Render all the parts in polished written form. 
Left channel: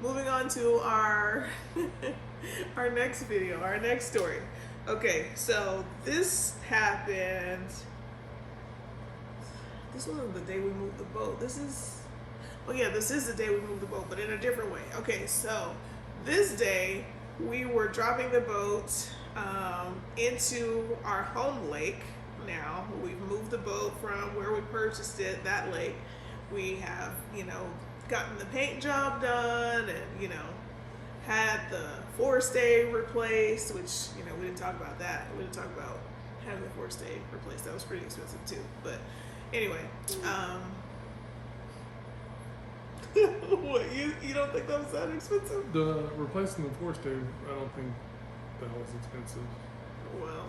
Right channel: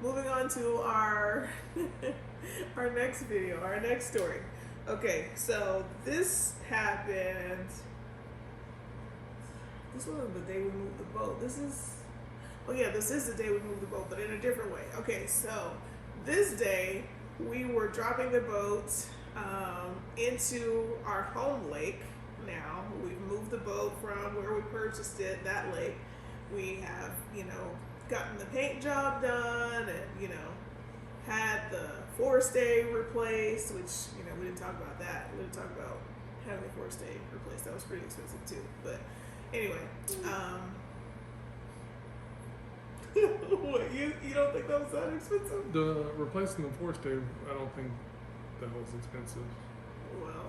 moving on to our our next video, our next story. Okay, so this happened. This wasn't the day we moved the boat. This is, oh yeah, this is the day we moved the boat, but in a different way. Okay, so this day we were dropping the boat into our home lake. Now we've moved the boat from where we purchased it, that lake. We have, gotten the paint job done, and had the forestay replaced, which we didn't talk about that. We didn't talk about having the forestay replaced. That was pretty expensive too. But anyway, what, you don't think that was that expensive? The replacing the forestay, I don't think that was expensive. Well,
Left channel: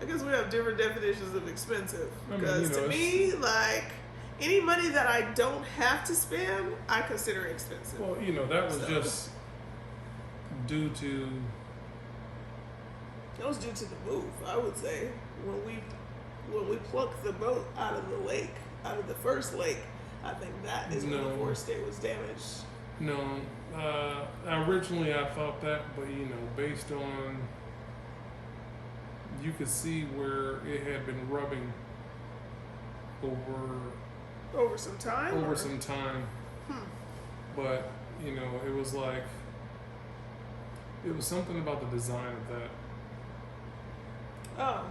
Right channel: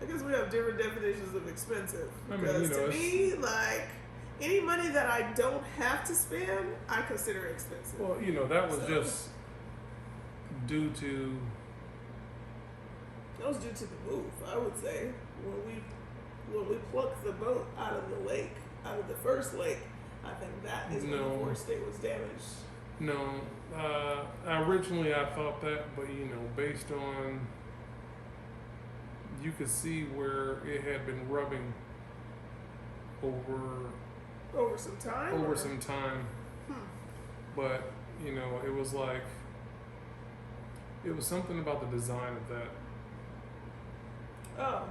I guess we have different definitions of expensive. I mean, Because to me, like, any money that I don't have to spend, I consider expensive. Well, that was just due to. That was due to the move, I would say. When we plucked the boat out of the lake, out of the first lake, I think that is when the forestay was damaged. No, originally I thought that, but based on, you could see where it had been rubbing over some time. Some time. But it was like, it was something about the design of that. Oh,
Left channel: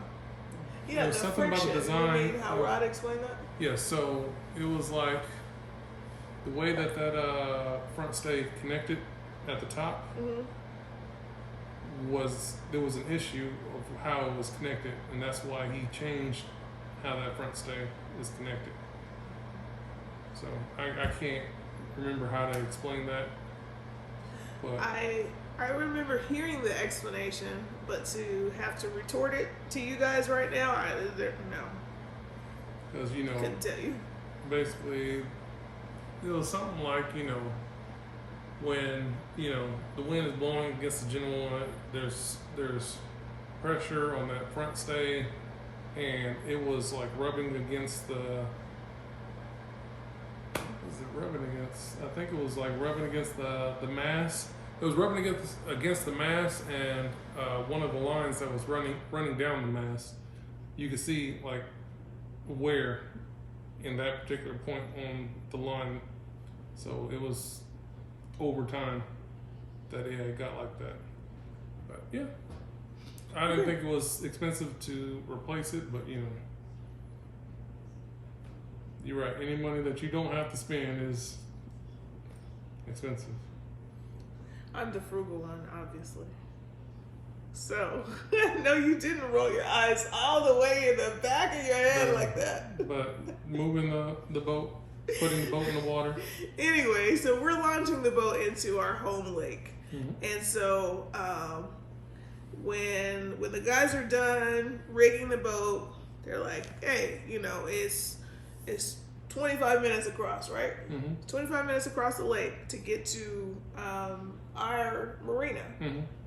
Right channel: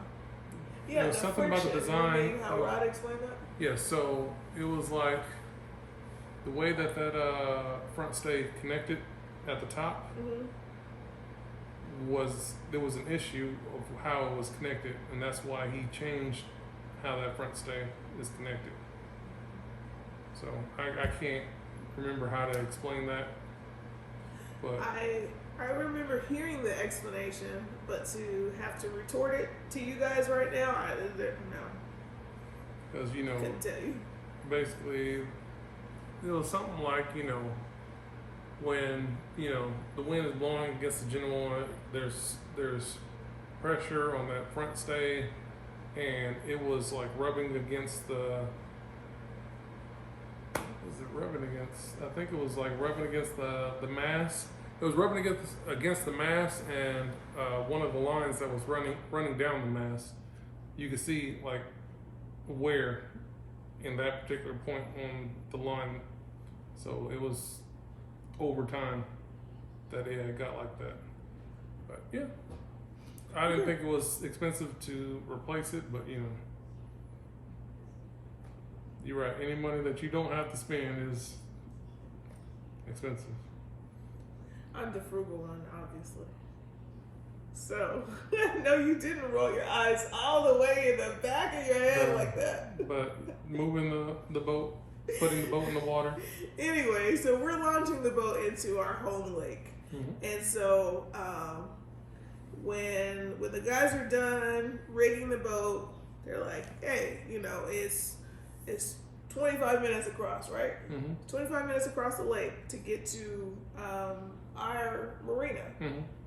yeah. There was something about the design. You mean how Rod explained that? Yeah. So it was like the way that front stay connected at the top. There was an issue of how it was connected, and that's why he changed how that front stay is connected. So I can't remember how to explain that, but I remember hearing the explanation, but to have to retort it to you guys right now, no. Because couldn't tell you. Basically, it was something like when the wind is blowing against the general, there's pressure on that front stay, and it was like rubbing against the. What was it rubbing against? I think it was like rubbing against the mast. It was rubbing against the mast, and one of the lines that was running down the mast, you could see like where in that particular point on the line. So it was over time that it had got like that. But yeah, I didn't think it was expensive to replace it, but you're right. Any money that you don't have to spend is expensive. I'm the frugal one, obviously. So, no, you didn't roll your eyes all the way in the back of your head like that. But moving the boat, putting the boat in the water. Anyway, so we're launching the boat into our home lake. And so when the guys are done rigging the boat, they're like, hey, it's 25 minutes across, right? 25 minutes across the lake to get to our marina.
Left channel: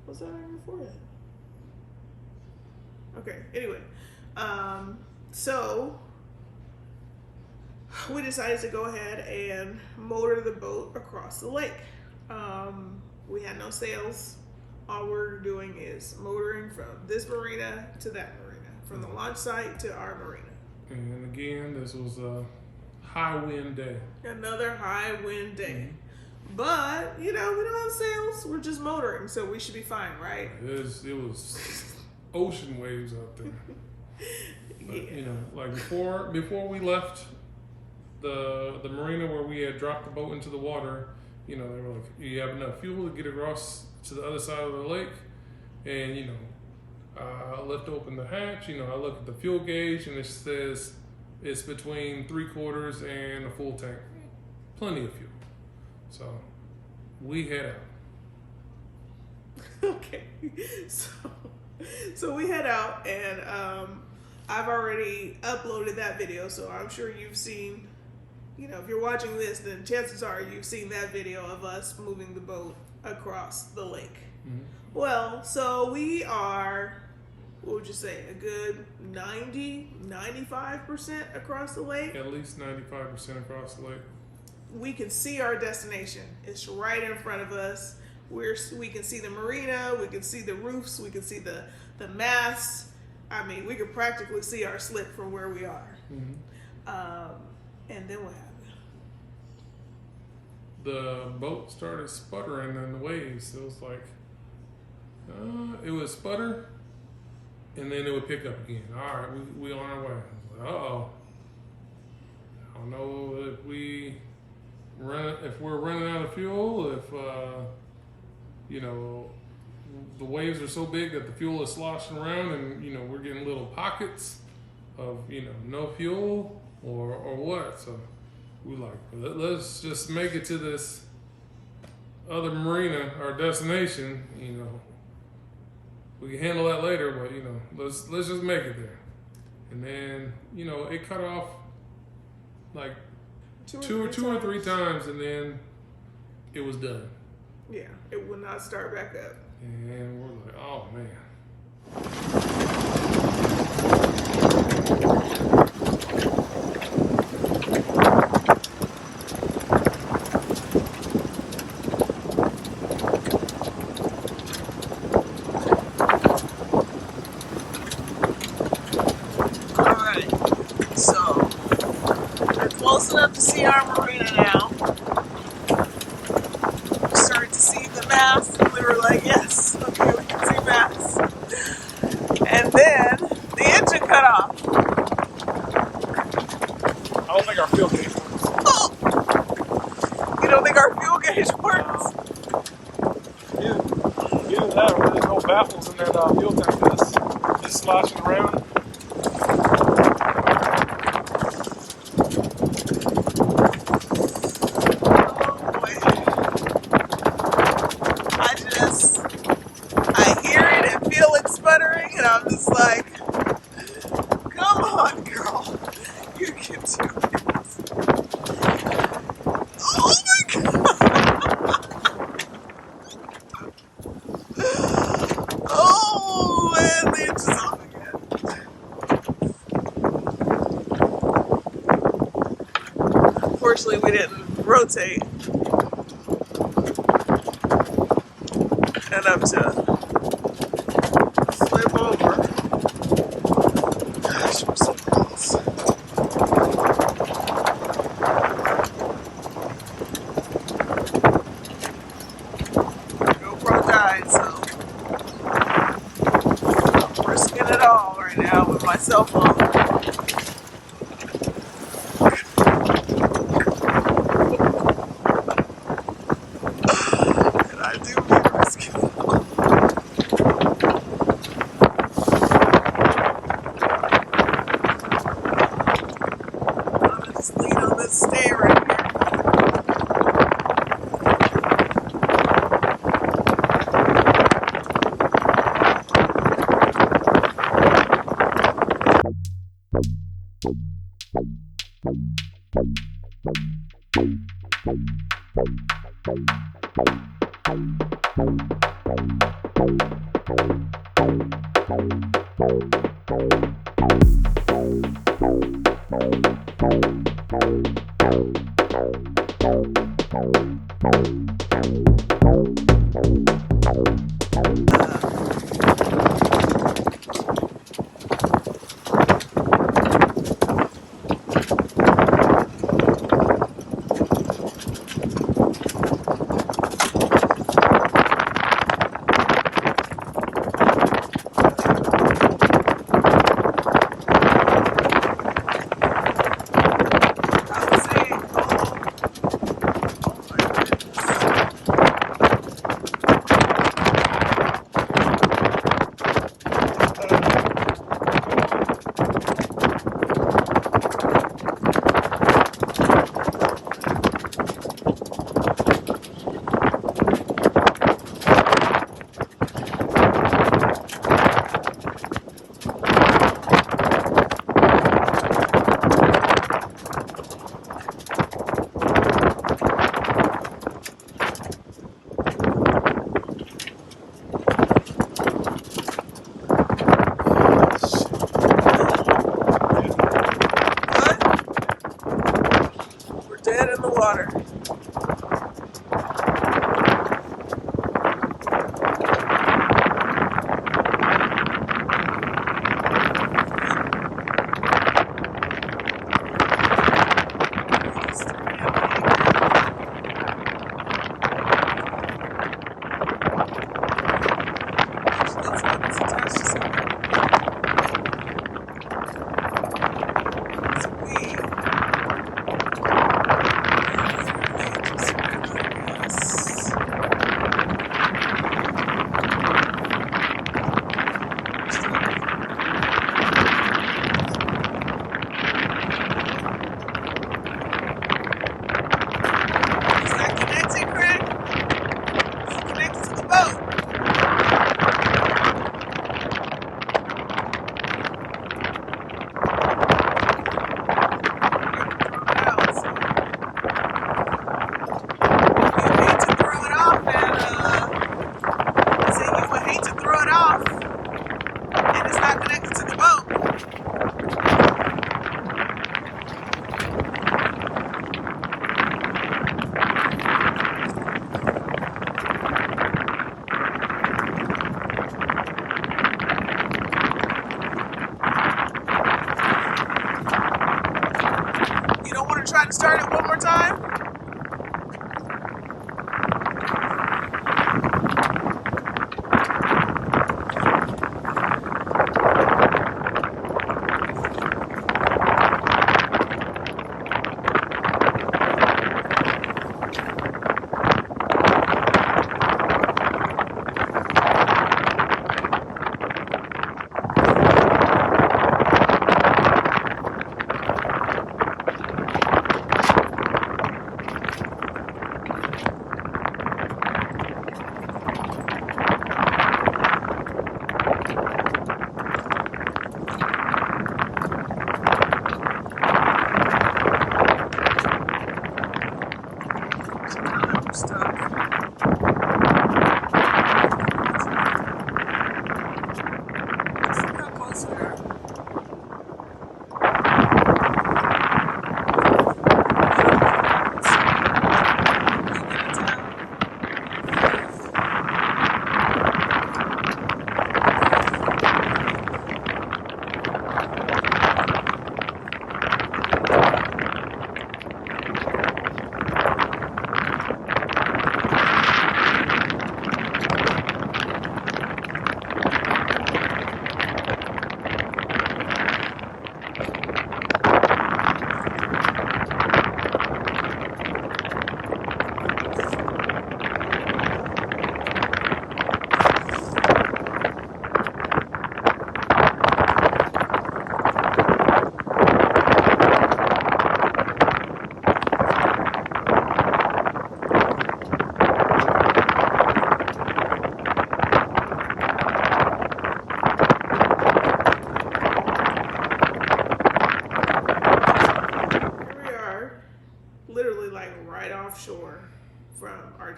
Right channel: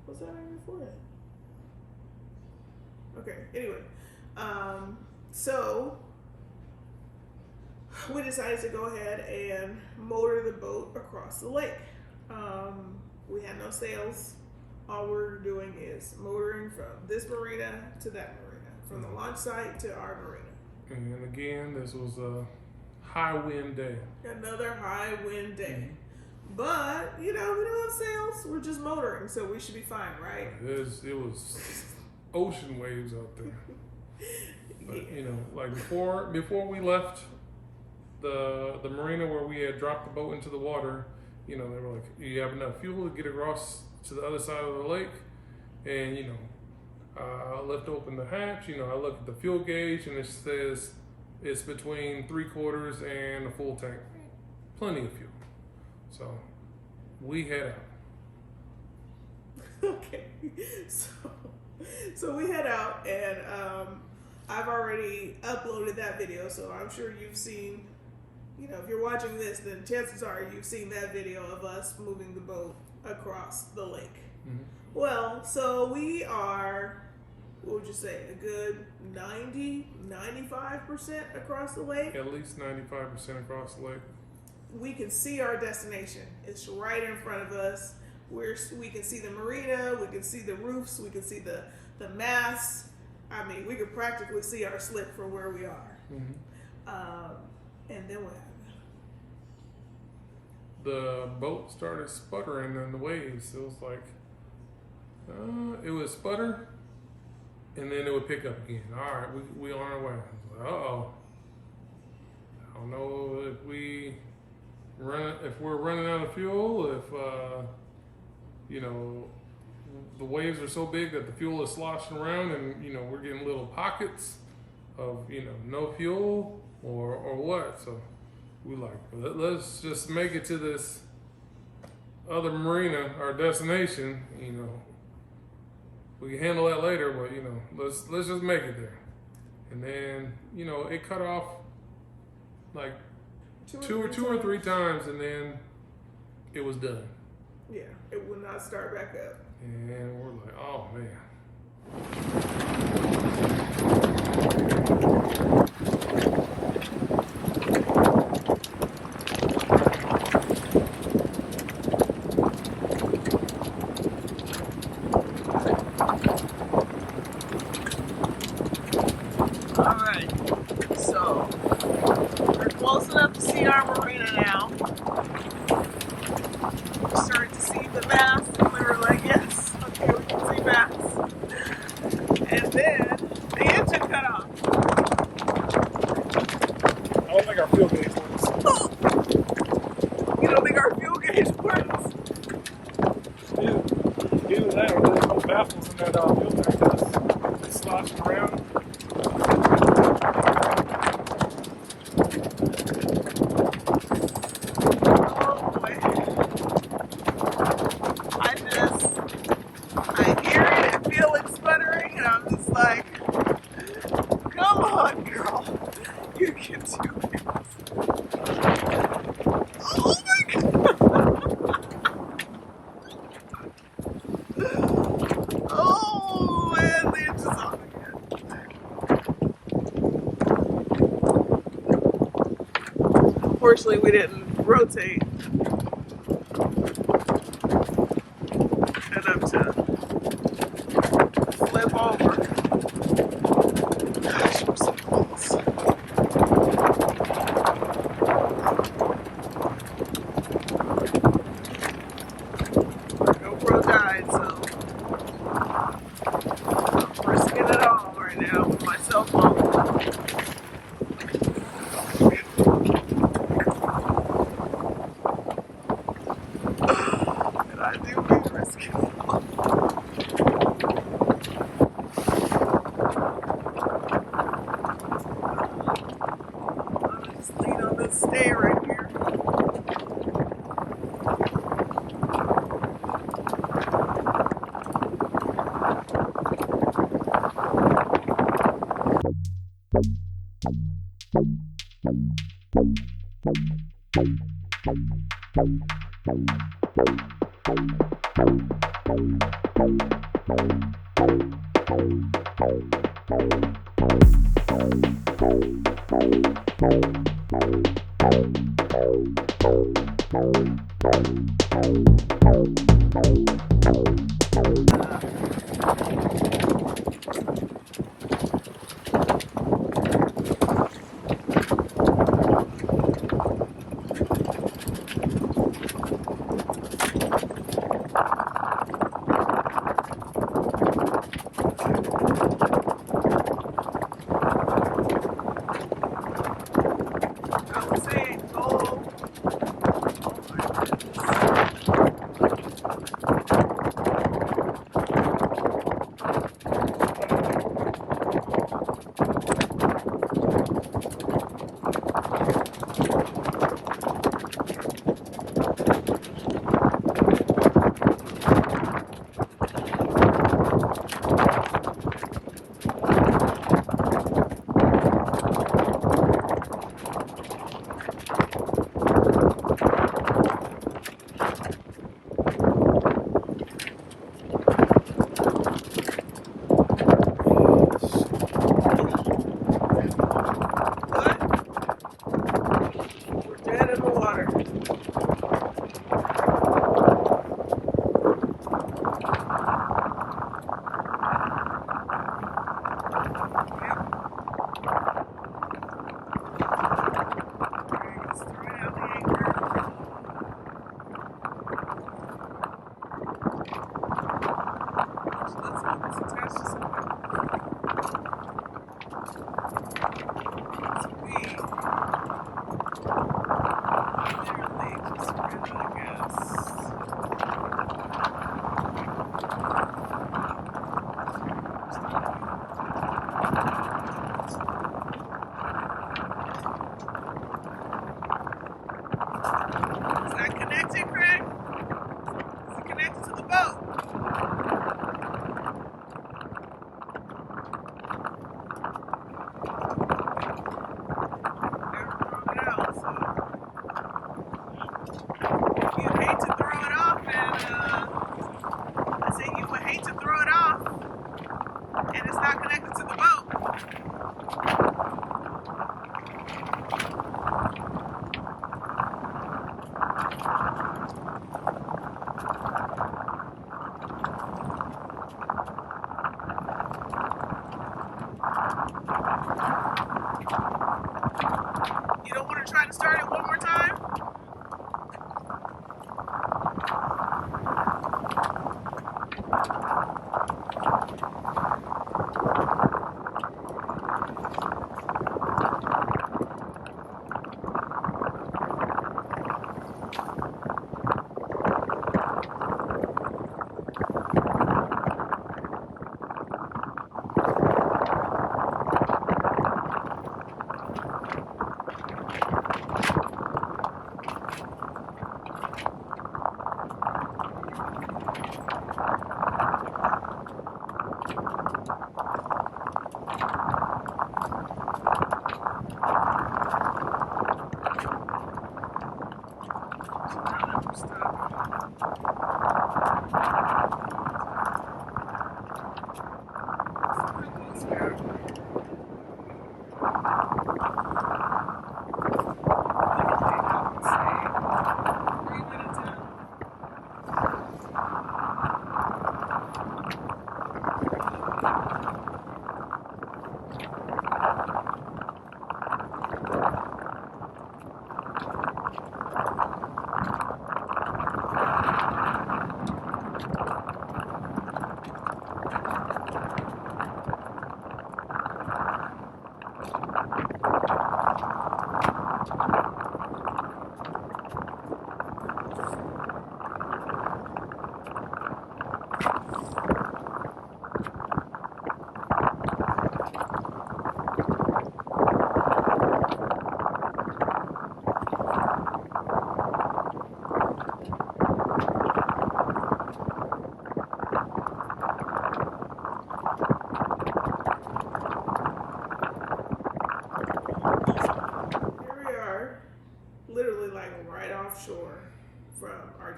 What's that on your forehead? Okay, anyway. So we decided to go ahead and motor the boat across the lake. We had no sails. All we're doing is motoring from this marina to that marina, from the launch site to our marina. And again, this was a high wind day. Another high wind day. But, we don't have sails. We're just motoring, so we should be fine, right? It was ocean waves out there. But, like before we left the marina where we had dropped the boat into the water, they were like, you have enough fuel to get across to the other side of the lake. And, I lift open the hatch, I look at the fuel gauge, and it says it's between 3/4 and a full tank. Plenty of fuel. So we head out. Okay. So we head out, and I've already uploaded that video, so I'm sure you've seen, if you're watching this, then chances are you've seen that video of us moving the boat across the lake. Well, so we are, what would you say, a good 90, 95% across the lake? At least 95% across the lake. we can see our destination. It's right in front of us. We can see the marina, we can see the roofs, we can see the masts. I mean, we could practically see our slip from where we are. And then what happened? The boat started sputtering in the waves. It was like, it would sputter, and then it would pick up again. All right, we on our way. I was like, uh-oh. I don't know if we're running out of fuel, if you know, the waves are so big that the fuel is sloshing around, and you know, we're getting little pockets of, you know, no fuel, or what. So we like, let's just make it to this other marina, our destination. You know, we can handle that later, but you know, let's just make it there. And then, you know, it cut off like two or three times, and then it was done. Yeah, it would not start back up. And we're like, oh man. All right, so we're close enough to see our marina now. We started to see the mast, and we were like, yes, okay, we can see masts. And then the engine cut off. I don't think our fuel gauge works. Oh! You don't think our fuel gauge works? Either that or there's no baffles in that fuel tank. It's sloshing around. Oh boy. I hear it and feel it sputtering, and I'm just like, come on, girl. You can do it. Oh my god. Oh man, the engine's off again. Fortunately, we didn't rotate enough to flip over. Gosh, we're so close. GoPro died, so I'm risking it all right now with my cell phone. And I do mean risking it all. I'm gonna just lean on this stay right here.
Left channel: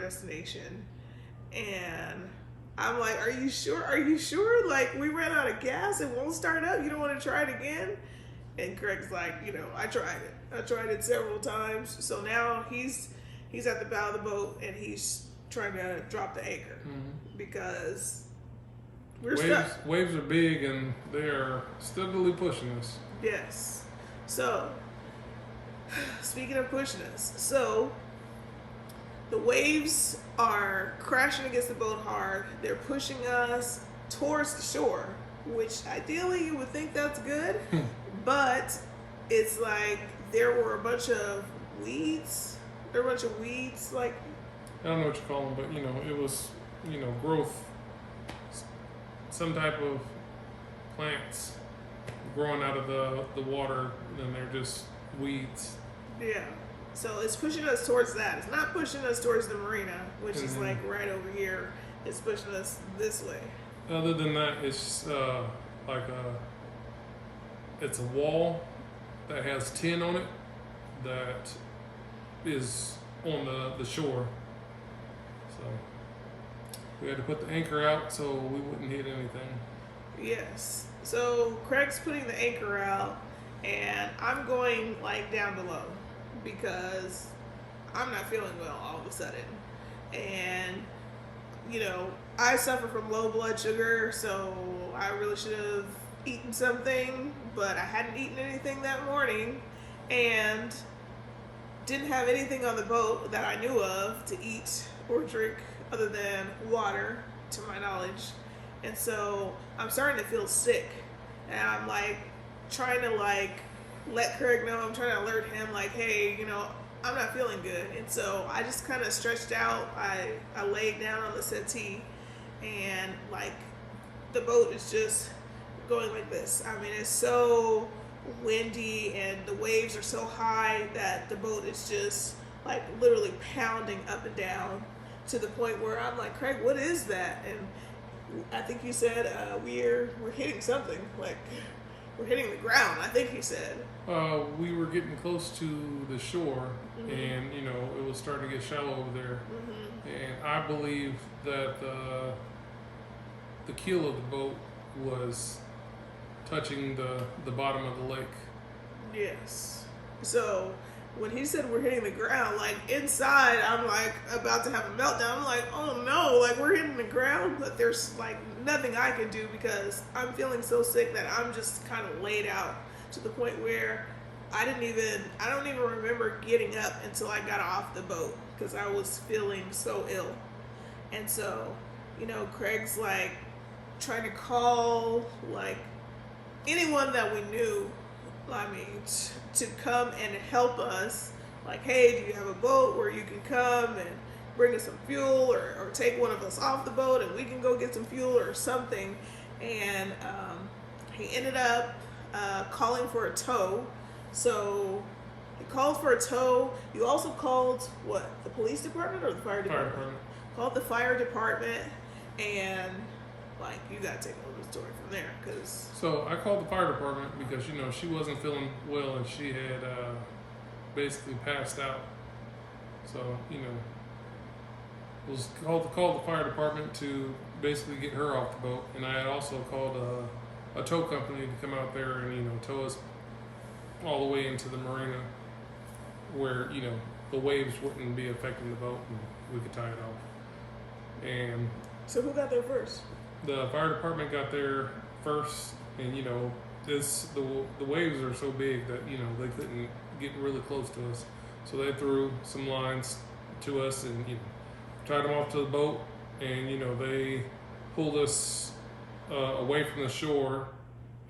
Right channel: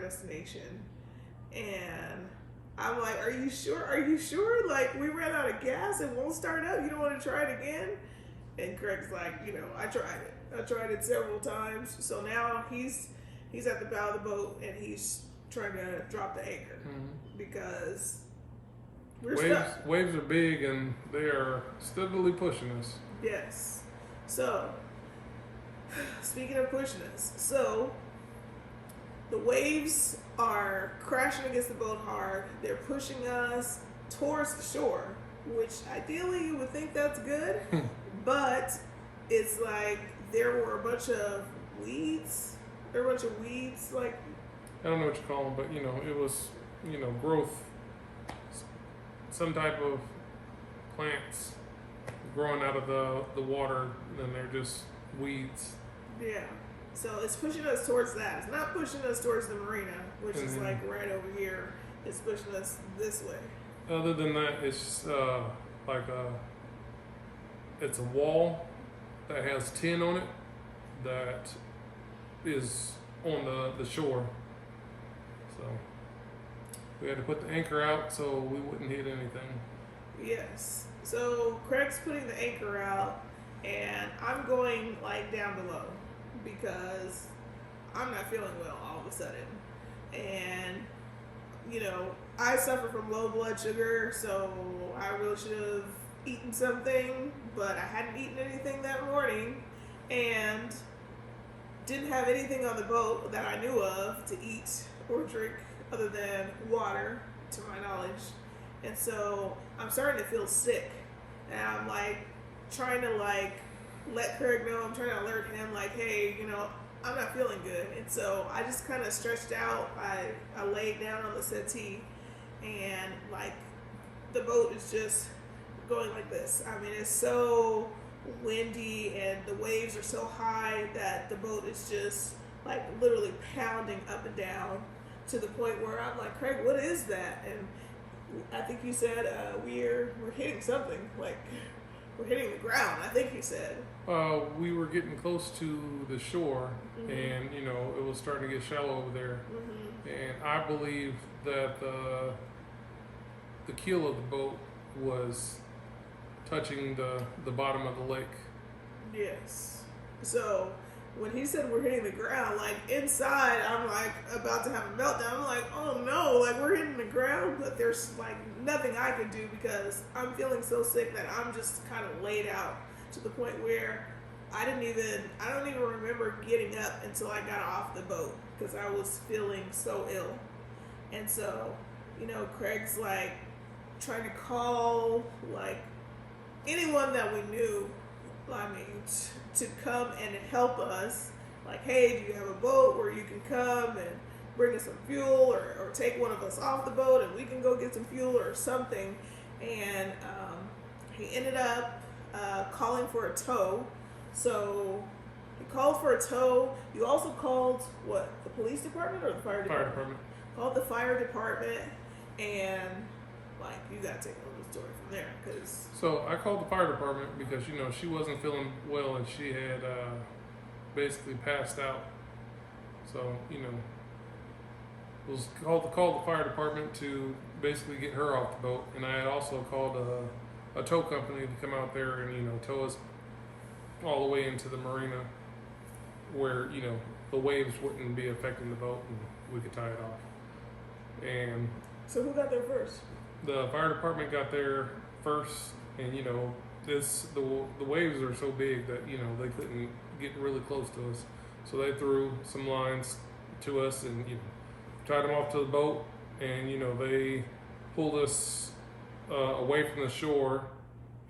destination. And I'm like, are you sure? Are you sure? Like, we ran out of gas. It won't start up. You don't want to try it again? And Craig's like, I tried it. I tried it several times. So now he's at the bow of the boat and he's trying to drop the anchor because we're stuck. Waves are big and they are steadily pushing us. Yes. So, speaking of pushing us, so the waves are crashing against the boat hard. They're pushing us towards the shore, which ideally you would think that's good, but it's like there were a bunch of weeds. There were a bunch of weeds, like, I don't know what you call them, but it was, growth, some type of plants growing out of the water, and they're just weeds. Yeah. So it's pushing us towards that. It's not pushing us towards the marina, which is like right over here. It's pushing us this way. Other than that, it's it's a wall that has tin on it that is on the shore. So we had to put the anchor out so we wouldn't hit anything. Yes. So Craig's putting the anchor out, and I'm going like down below because I'm not feeling well all of a sudden. And I suffer from low blood sugar, so I really should have eaten something, but I hadn't eaten anything that morning and didn't have anything on the boat that I knew of to eat or drink other than water, to my knowledge. And so I'm starting to feel sick, and I'm like trying to let Craig know. I'm trying to alert him, like, hey, I'm not feeling good. And so I just kind of stretched out. I laid down on the settee, and like the boat is just going like this. I mean, it's so windy and the waves are so high that the boat is just like literally pounding up and down to the point where I'm like, Craig, what is that? And I think you said we're hitting something, like we're hitting the ground, I think he said. We were getting close to the shore, and it was starting to get shallow over there, and I believe that the keel of the boat was touching the bottom of the lake. Yes. So when he said we're hitting the ground, like inside I'm like about to have a meltdown. I'm like, oh no, like we're hitting the ground, but there's like nothing I can do because I'm feeling so sick that I'm just kind of laid out to the point where I don't even remember getting up until I got off the boat because I was feeling so ill. And so, Craig's like trying to call like anyone that we knew, to come and help us. Like, hey, do you have a boat where you can come and bring us some fuel, or take one of us off the boat and we can go get some fuel or something? And he ended up calling for a tow. So he called for a tow. You also called what? The police department or the fire department? Fire department. Called the fire department, and like you gotta take over the story from there, cause. So I called the fire department because she wasn't feeling well and she had basically passed out. So was called the fire department to basically get her off the boat, and I had also called a tow company to come out there and tow us all the way into the marina where the waves wouldn't be affecting the boat and we could tie it off. And so who got there first? The fire department got there first, and the waves are so big that they couldn't get really close to us, so they threw some lines to us and tied them off to the boat, and they pulled us away from the shore.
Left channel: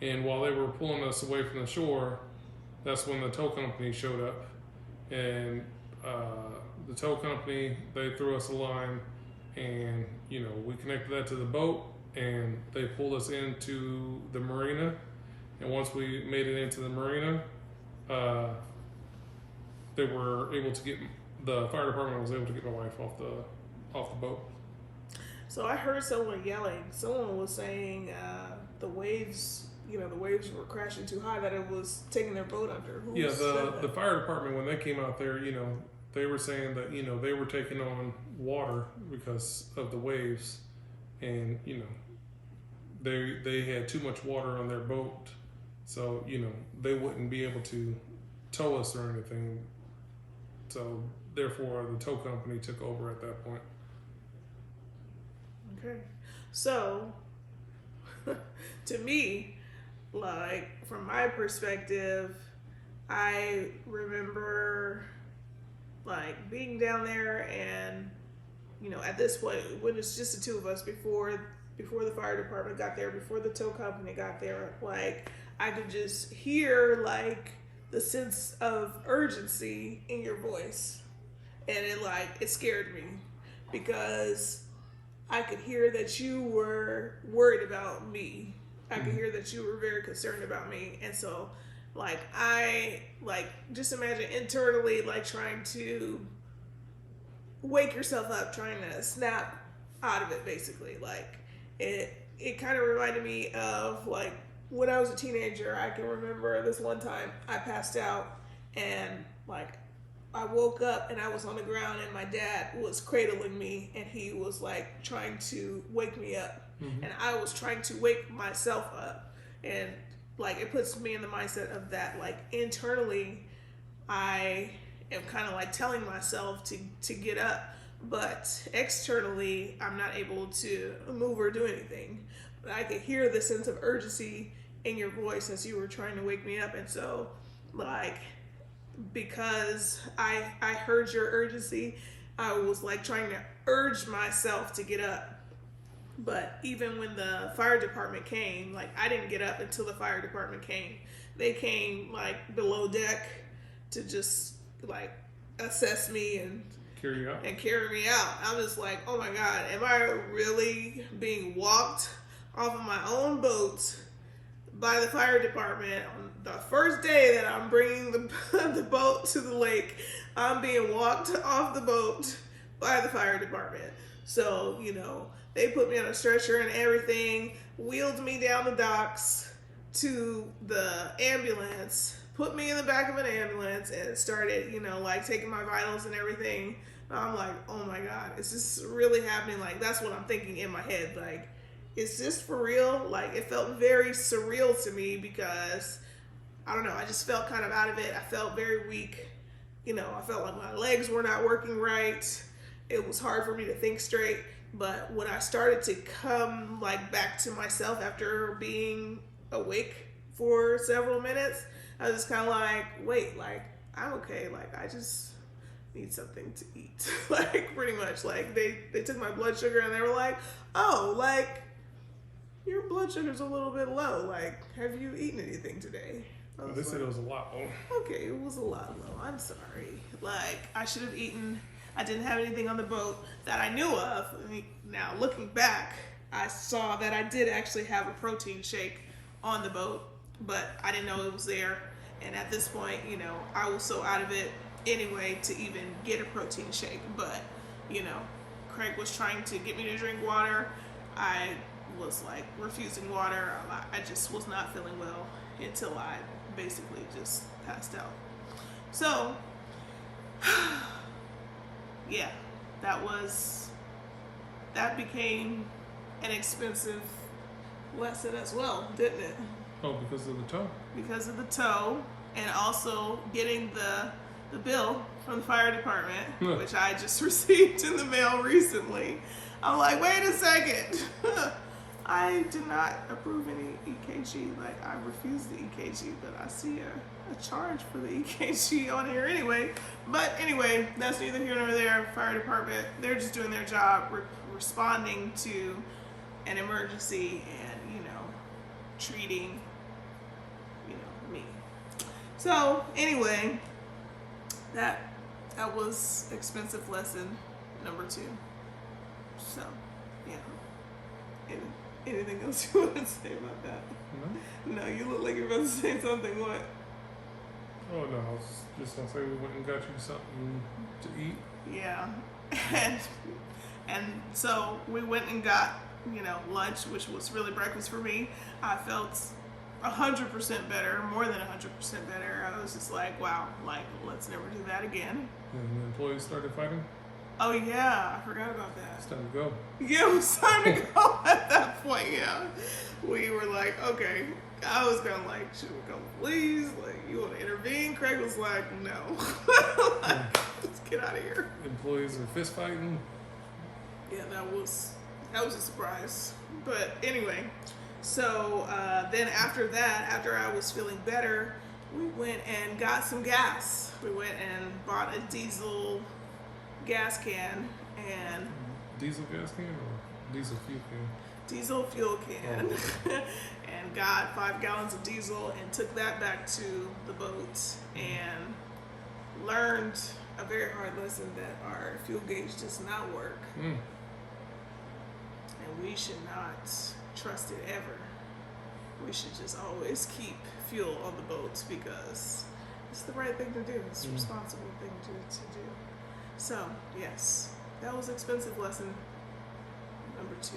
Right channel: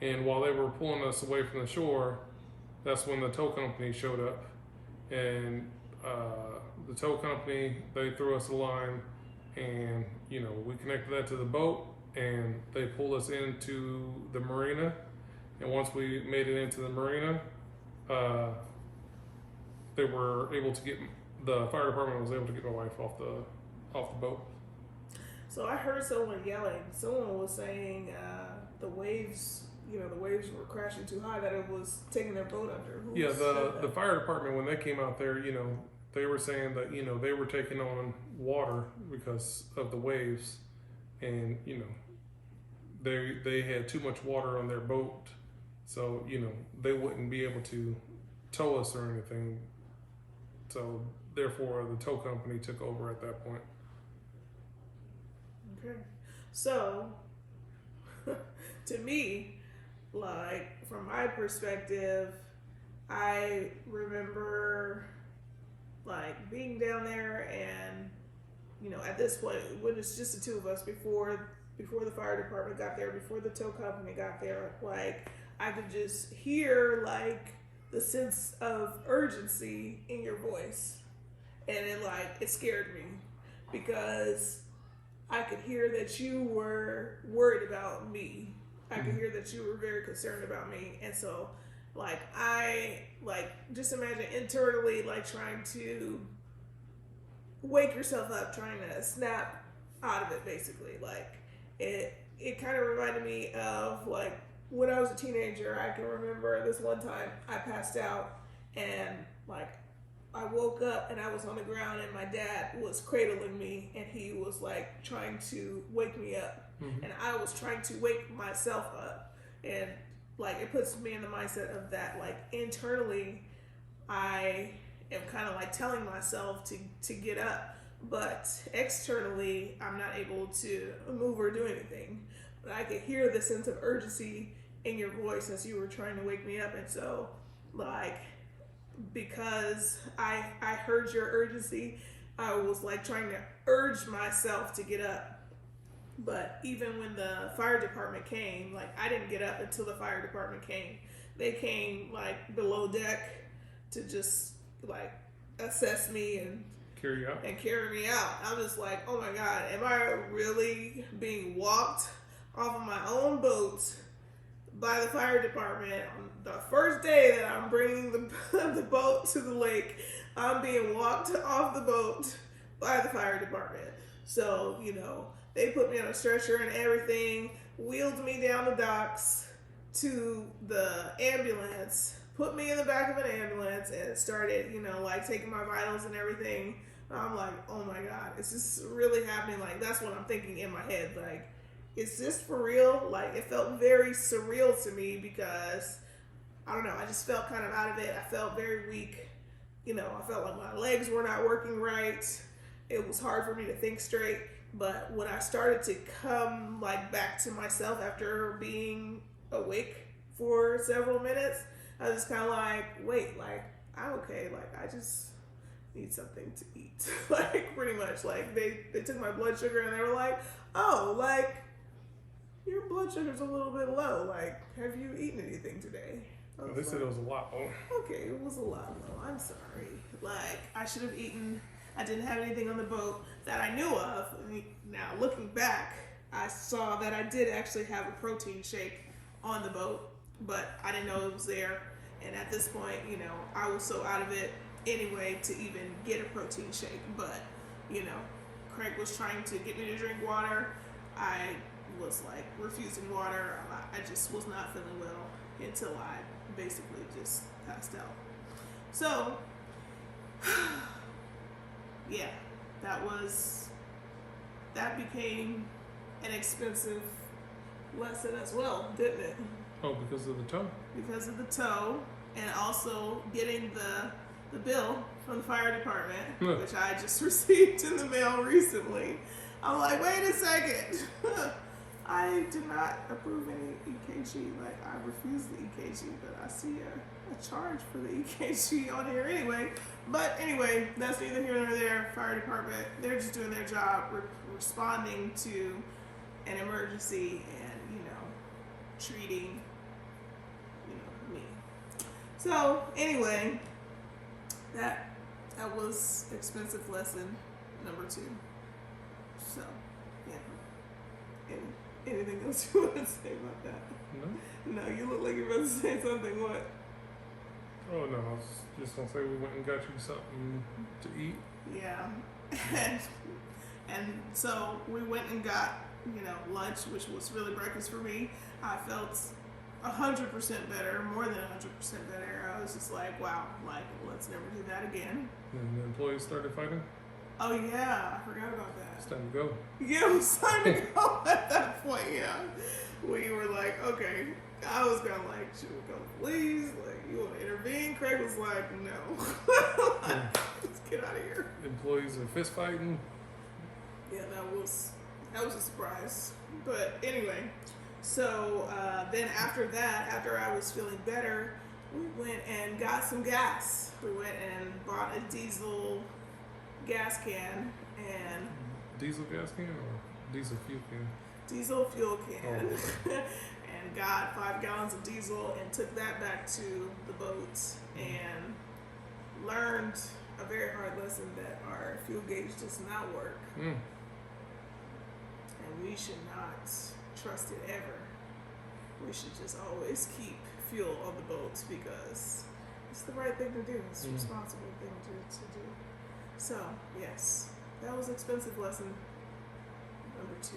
And while they were pulling us away from the shore, that's when the tow company showed up, and the tow company, they threw us a line, and we connected that to the boat, and they pulled us into the marina. And once we made it into the marina, they were able to get, the fire department was able to get my wife off the boat. So I heard someone yelling. Someone was saying the waves, the waves were crashing too high that it was taking their boat under. The fire department, when they came out there, they were saying that they were taking on water because of the waves, and they had too much water on their boat, so they wouldn't be able to tow us or anything. So therefore, the tow company took over at that point. Okay, so to me, like from my perspective, I remember like being down there, and at this point when it's just the two of us, before the fire department got there, before the tow company got there, like I could just hear like the sense of urgency in your voice, and it scared me because I could hear that you were worried about me. I could hear that you were very concerned about me. And so I just imagine internally trying to wake yourself up, trying to snap out of it, basically. It kind of reminded me of when I was a teenager. I can remember this one time I passed out, and I woke up and I was on the ground, and my dad was cradling me, and he was trying to wake me up. And I was trying to wake myself up, and it puts me in the mindset of that internally I am kind of telling myself to get up, but externally I'm not able to move or do anything. But I could hear the sense of urgency in your voice as you were trying to wake me up. And so because I heard your urgency, I was trying to urge myself to get up. But even when the fire department came, I didn't get up until the fire department came. They came below deck to just assess me and carry me out. I was like, oh my God, am I really being walked off of my own boat by the fire department on the first day that I'm bringing the boat to the lake? I'm being walked off the boat by the fire department. So, they put me on a stretcher and everything, wheeled me down the docks to the ambulance, put me in the back of an ambulance, and started, taking my vitals and everything. I'm like, oh my God, is this really happening? That's what I'm thinking in my head. Is this for real? It felt very surreal to me because, I don't know, I just felt kind of out of it. I felt very weak. I felt like my legs were not working right. It was hard for me to think straight. But when I started to come back to myself after being awake for several minutes, I was just kind of wait, I'm okay. I just need something to eat. Pretty much. They took my blood sugar and they were like, oh, your blood sugar's a little bit low. Have you eaten anything today? They said it was a lot low. Okay, it was a lot low. I'm sorry. I should have eaten. I didn't have anything on the boat that I knew of. Now, looking back, I saw that I did actually have a protein shake on the boat, but I didn't know it was there. And at this point, I was so out of it anyway to even get a protein shake. But, Craig was trying to get me to drink water. I was refusing water. I just was not feeling well until I basically just passed out. So, yeah, that became an expensive lesson as well, didn't it? Oh, because of the tow? Because of the tow, and also getting the bill from the fire department, which I just received in the mail recently. I'm like, wait a second. I did not approve any EKG. I refused the EKG, but I see a charge for the EKG on here anyway. But anyway, that's neither here nor there. Fire department, they're just doing their job, responding to an emergency and, treating, me. So anyway, that was expensive lesson number 2. So, yeah. And anything else you want to say about that? No, you look like you're about to say something. What? Oh no, I was just gonna say we went and got you something to eat. Yeah, and so we went and got lunch, which was really breakfast for me. I felt 100% better, more than 100% better. I was just like, wow, like, let's never do that again. And the employees started fighting. Oh yeah, I forgot about It's that. time to go. Yeah, it was time to go at that point. Yeah, we were like, okay. I was kind of like, should we go, please? Like, you want to intervene? Craig was like, no. Like, let's get out of here. Employees are fist fighting. Yeah, that was a surprise. But anyway, so then after that, after I was feeling better, we went and got some gas. We went and bought a diesel gas can and Diesel gas can or diesel fuel can? diesel fuel can. Oh. And got 5 gallons of diesel and took that back to the boat and learned a very hard lesson that our fuel gauge does not work. Mm. And we should not trust it ever. We should just always keep fuel on the boat because it's the right thing to do. It's a responsible thing to do. So, yes, that was expensive lesson number 2.